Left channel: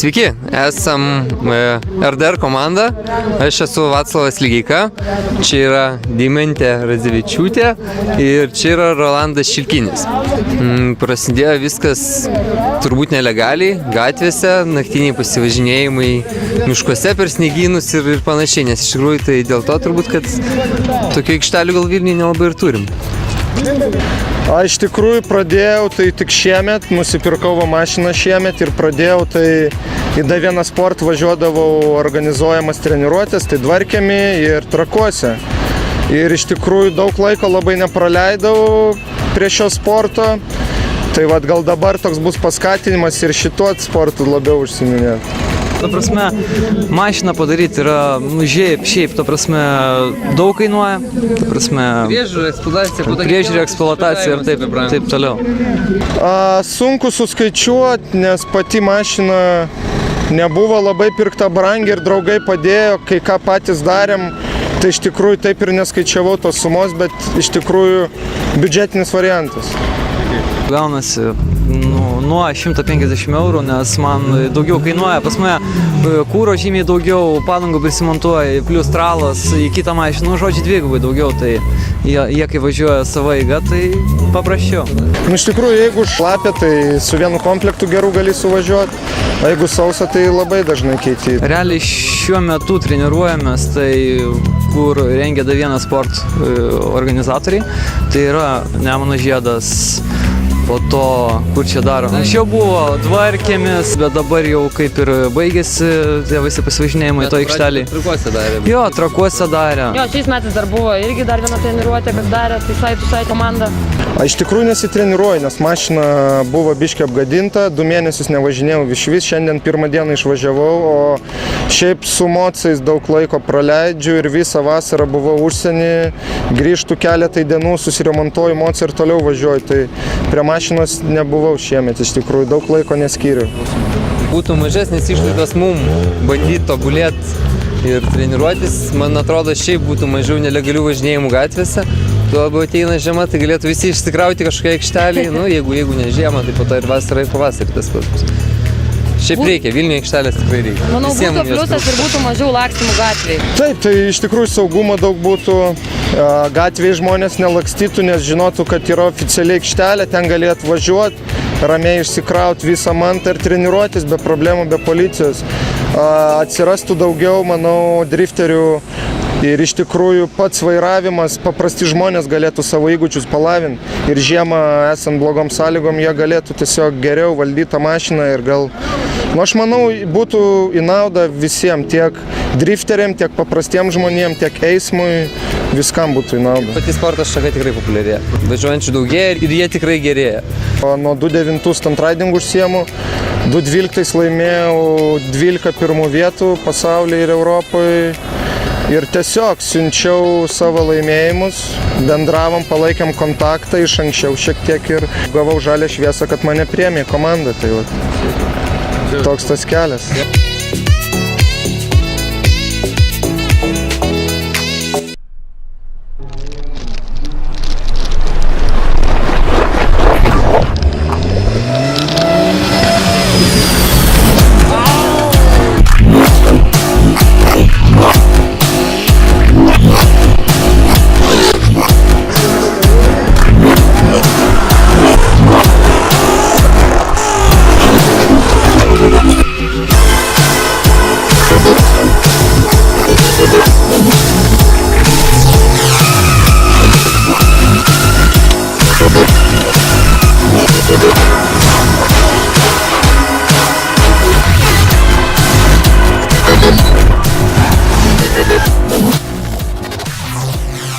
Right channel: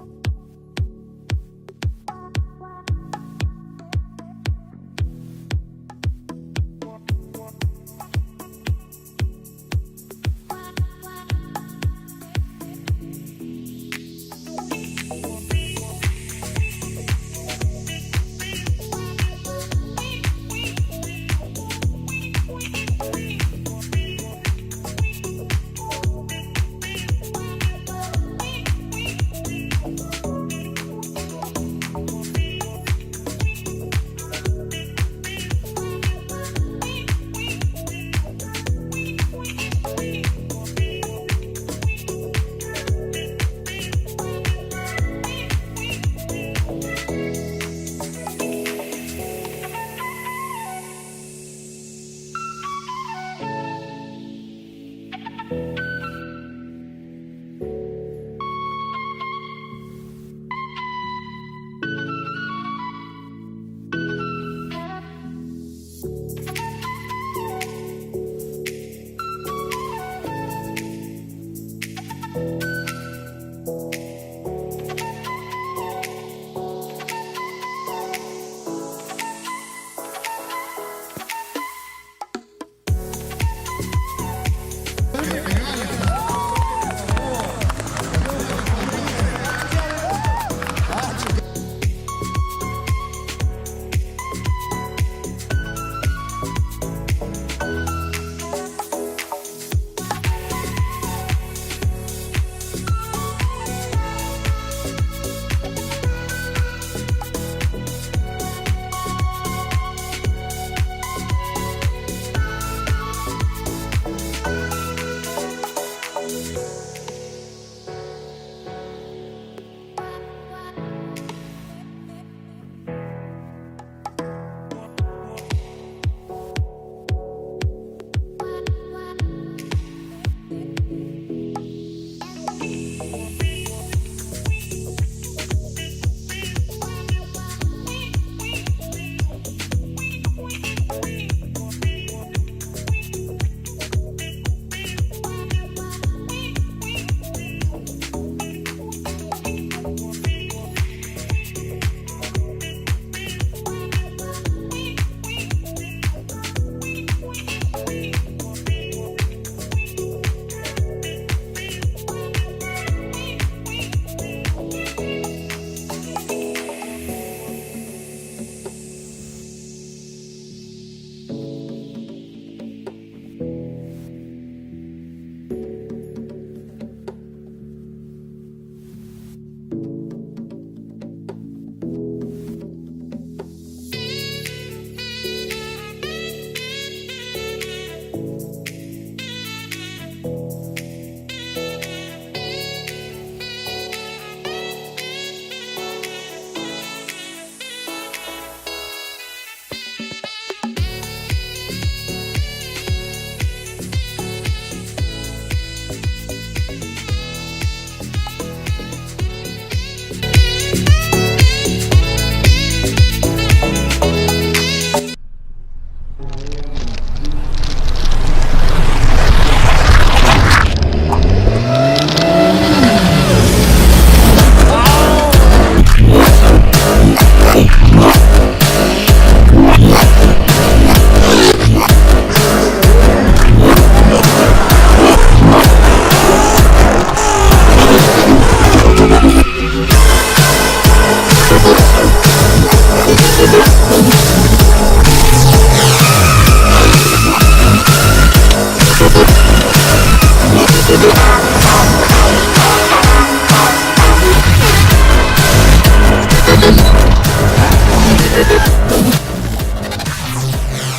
Sveiki, esam RDR komanda, aš esu Vaclavas Lygeika, čia yra Deimantė Radzevičiūtė ir čia yra Rolandas Šilkinis. Prasidėjo viskas turbūt nelegaliai, gatvėse, naktiniai pasivažinėjimai miškuose per sniegynus ir panašiai, nes iš tikrųjų tai dėl to turbūt, kad tokių aikštelių gal Vilniuje nelabai ir turim. Iš tikrųjų pradėjau tai tik šiemet, nusipirkau mašiną šiemet ir pradėjau tai į D1 Sport važiuodavau organizuojamas treniruotės, tai Dvarkėmi ir Trakuose. Ir iš tikrųjų daug laiko labai nepraleidau prie šio sporto, tai gal dabar toks bus paskatinimas ir šituo sportu labiau užsiiminėti. Ta prasme, mašiną padaryti yra, šiaip, ta prasme, daug kainuoja, ta prasme, priežiūra, eksploatacija ir taip toliau. Sunku suskaičiuoti, nes pati mašina nebuvo labai pirkta brangiai ir draugai padėjo, kai ką patys darėm, tai iš tikrųjų taip ir neskaičiavau tos sumos, bet iš tikrųjų biudžetinis variantas. Gaunasi nuo 150 eurų, nes man daugiau kainuoja. Pas mane kūro žymiai daugiau, padangų prisimontuoja, plus tralas į kitą mašiną, žodžiu, dvigubai daugiau, tai jie kai važiuoja savo eiga, tai paprasčiau. Iš tikrųjų, jeigu šlapia, tai su vienu komplektu gerų gali suvažiuoti, o jeigu sausa, tai labai dažnai keiti. Realiai šiuo metu treniruojamės, tai kur rengia D1 Sport organizatoriai, tai yra Nemuno Žiedas. Po to, kur čia daro. Anksčiau buvo Dvarkėmis, bet dabar jau kaip ir baigėsi tie visi pasivažinėjimai to aikšteliai. Trakuose darė. Jo, Trakuose darė. Jo, šiais metais dar buvo irgi dar viena treniruotė, kas darė, tai Sai komanda. Iš tikrųjų nesitreniruoju, nes mašina buvo biškiai apgadinta, 2 mėnesius nevažinėjau išvis, šiandien 1 dieną išvažiavau, o šiaip su mocais daug laiko praleidžiu ir visą vasarą buvau užsienį, grįžtu keletai dienų, susiremontuoju mocą ir toliau važiuoju, tai prie mašinos nebuvau šiemet, iš tikrųjų daug laiko neskyriu. Būtų mažesnis išlaidos mum bandyti tobulėti ir treniruotis, man atrodo, šiaip būtų mažiau nelegalių važinėjimų gatvėse. Tuo labiau ateina žiema, tai galėtų visi išsikrauti kažkokią aikštelį, jeigu ne žiema, tai po to ir vasarą ir pavasarį tas pats. Šiaip reikia, Vilniuje aikštelės tikrai reikia. Manau, būtų pliusas ir būtų mažiau lakstymų gatvėje. Taip, tai iš tikrųjų saugumo daug būtų, gatvėje žmonės nelakstytų, nes žinotų, kad yra oficialiai aikštelė, ten galėtų važiuoti, ramiai išsikrauti visą mantą ir treniruotis be problemų, be policijos. Atsirastų daugiau, manau, drifterių. Ir iš tikrųjų pats vairavimas, paprasti žmonės galėtų savo įgūdžius palavinti ir žiemą esant blogom sąlygom jie galėtų tiesiog geriau valdyti tą mašiną ir gal, aš manau, būtų į naudą visiems, tiek drifteriam, tiek paprastiem žmonėm, tiek eismui, viskam būtų į naudą. Pati sporto šaka tikrai populiarėja, važiuojančių daugėja ir jie tikrai gerėja. Nuo 2009 stuntridingu užsiemu, 2012 laimėjau 12 pirmų vietų pasaulyje ir Europoje. Ir tiesiog siunčiau savo laimėjimus, bendravom, palaikėm kontaktą iš anksčiau šiek tiek ir gavau žalią šviesą, kad mane priėmė komanda. Tai toks tas kelias.